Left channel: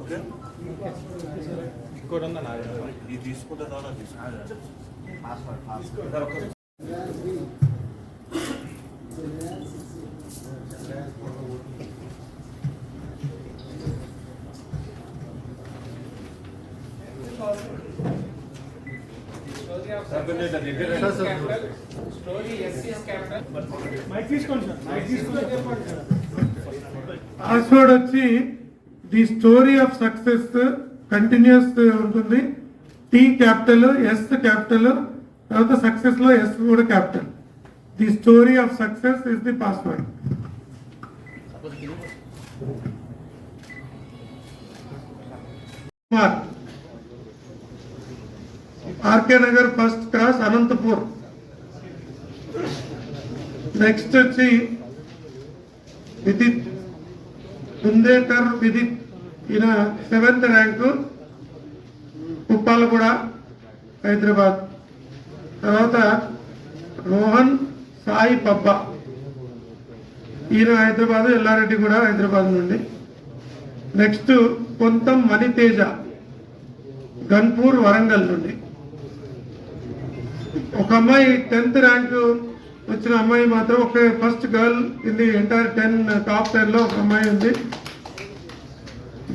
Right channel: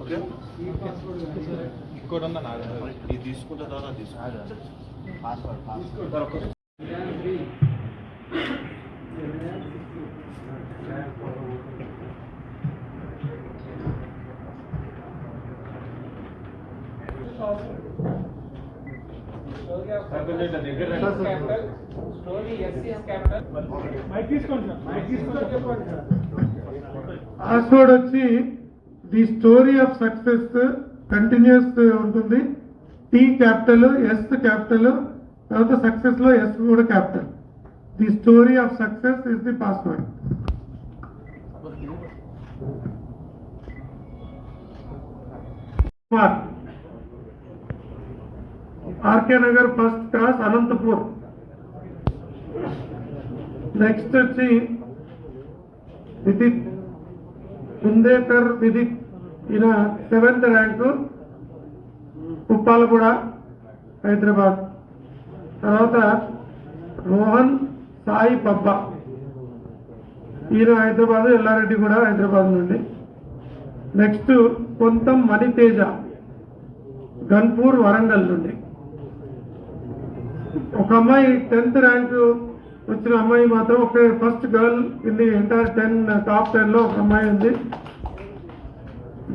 Okay ఇంకోటి ఉందా ఇది తీసుకుంటే ద్వారా తీసుకుంటా పాస్వర్డ్ వచ్చి the story of success continues ఉంటుంది. టీ క్యాపిటల్, ఎస్ క్యాపిటల్, తర్వాత సక్సెస్ లో ఎస్ కూడా capital. The story of success is the password. RK Nagar first cross Anantapur. Next వచ్చి విదిత్ కుందేకర్ విదిత్, ఈయన 7th ర్యాంకు, ఉప్పాలగూడ హైదరాబాద్. తర్వాత రోహన్ సాయి పబ్బా, ఈయన హైదరాబాద్, ఎల్లారెడ్డి కూడా హైదరాబాద్ నుండి. నెక్స్ట్ కొంతం మణితేజ, గన్పూర్ వరంగల్ నుండి. ఒక అమ్మాయి 10th ర్యాంకు వచ్చిన అమ్మాయి మాత్రం ఒక first girl in the entire 10 top 10 లో ఒక అమ్మాయి ఉంది.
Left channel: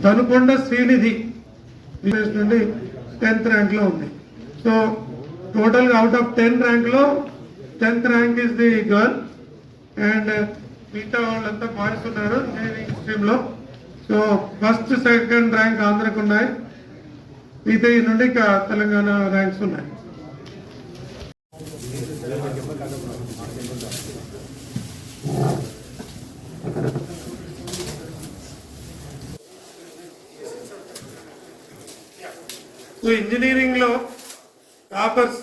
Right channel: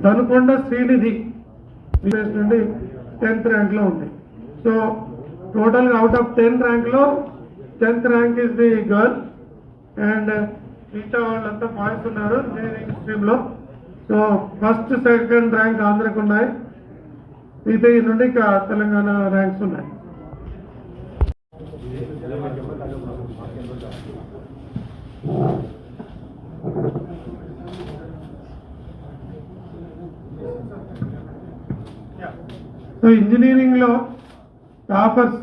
ధనుకొండ శ్రీనిధి నుండి 10th ర్యాంక్ లో ఉంది. సో టోటల్ గా అవుట్ ఆఫ్ 10 ర్యాంక్ లో 10th rank is the girl and మిగతా వాళ్ళంతా బాయ్స్ ఉన్నారు ఇంజనీరింగ్ స్ట్రీమ్ లో. సో ఫస్ట్ సెకండ్ ర్యాంక్ ఆంధ్రకు ఉన్నాయి, మిగతా నుండి తెలంగాణ ర్యాంక్స్ ఉన్నాయి. సో ఇంజనీరింగ్ లో టాపర్స్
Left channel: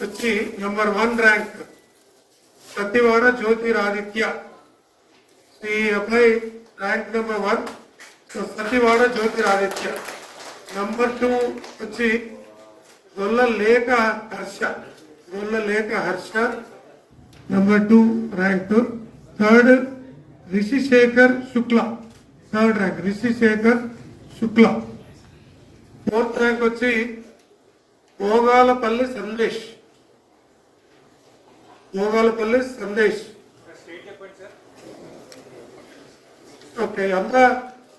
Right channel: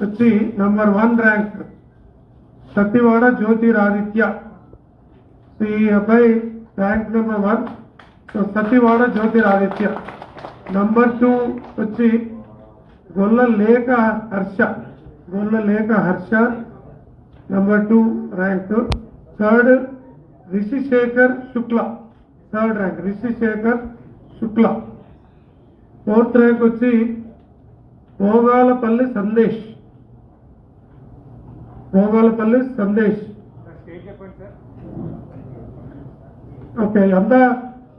వచ్చి number 1 rank Satyavada Jyotiraditya. So ఈ అబ్బాయి rank number 1. So Satyavada Jyotiraditya. Number 2 వచ్చి గొల్ల లేఖ Harsha, number 2 rank. Third Rishishekhar శుక్ల, 3rd ర్యాంక్ రిషిశేఖర్ శుక్ల. 4th ర్యాంక్ వచ్చి భోగాలపల్లి సందేశ్. ఓకే, అంతా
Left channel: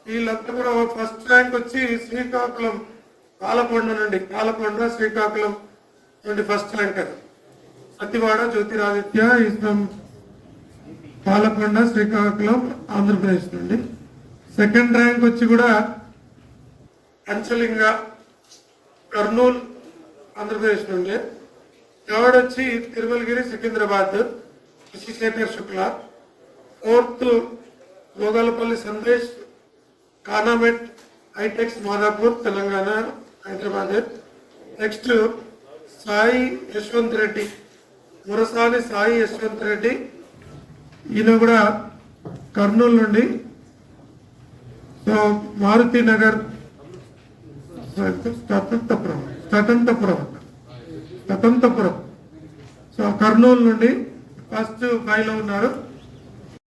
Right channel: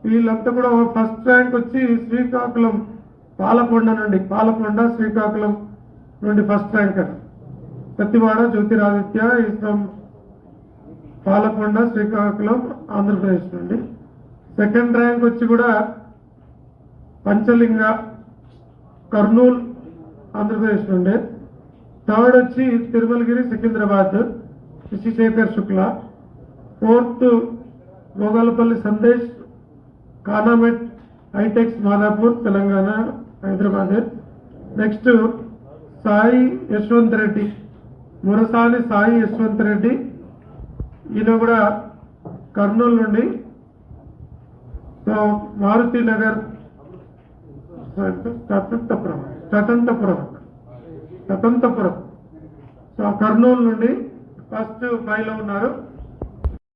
వీళ్ళంతా కూడా ఫస్ట్ ర్యాంక్ వచ్చి శ్రీకాకుళం పాలకొండ శ్రీకాకుళం నుండి first ranker Satyavada Jyotiraditya is from Palakonda Srikakulam Andhra Pradesh నుండి. సెకండ్ ర్యాంక్ వచ్చి కూడా పంచలింగ కర్నూలు ఆంధ్రప్రదేశ్ నుండి. థర్డ్ వచ్చి తిరుమలగిరి సికింద్రాబాద్ రిషిశేఖర్ శుక్ల. 4th గోగాలపల్లి సందేశ్ కానామెట్ హైటెక్స్ మాదాపూర్ తెలంగాణ హైదరాబాద్. నెక్స్ట్ సాయి యశ్వంత్ రెడ్డి, మురసాని సాయి యశ్వంత్ రెడ్డి, ఈయన కూడా కర్నూలు నుండి. సో మారుతి నగర్ స్వతంత్రపురం, సో కర్నూలు నుండి ఫస్ట్ 5 లో ఉన్నారు.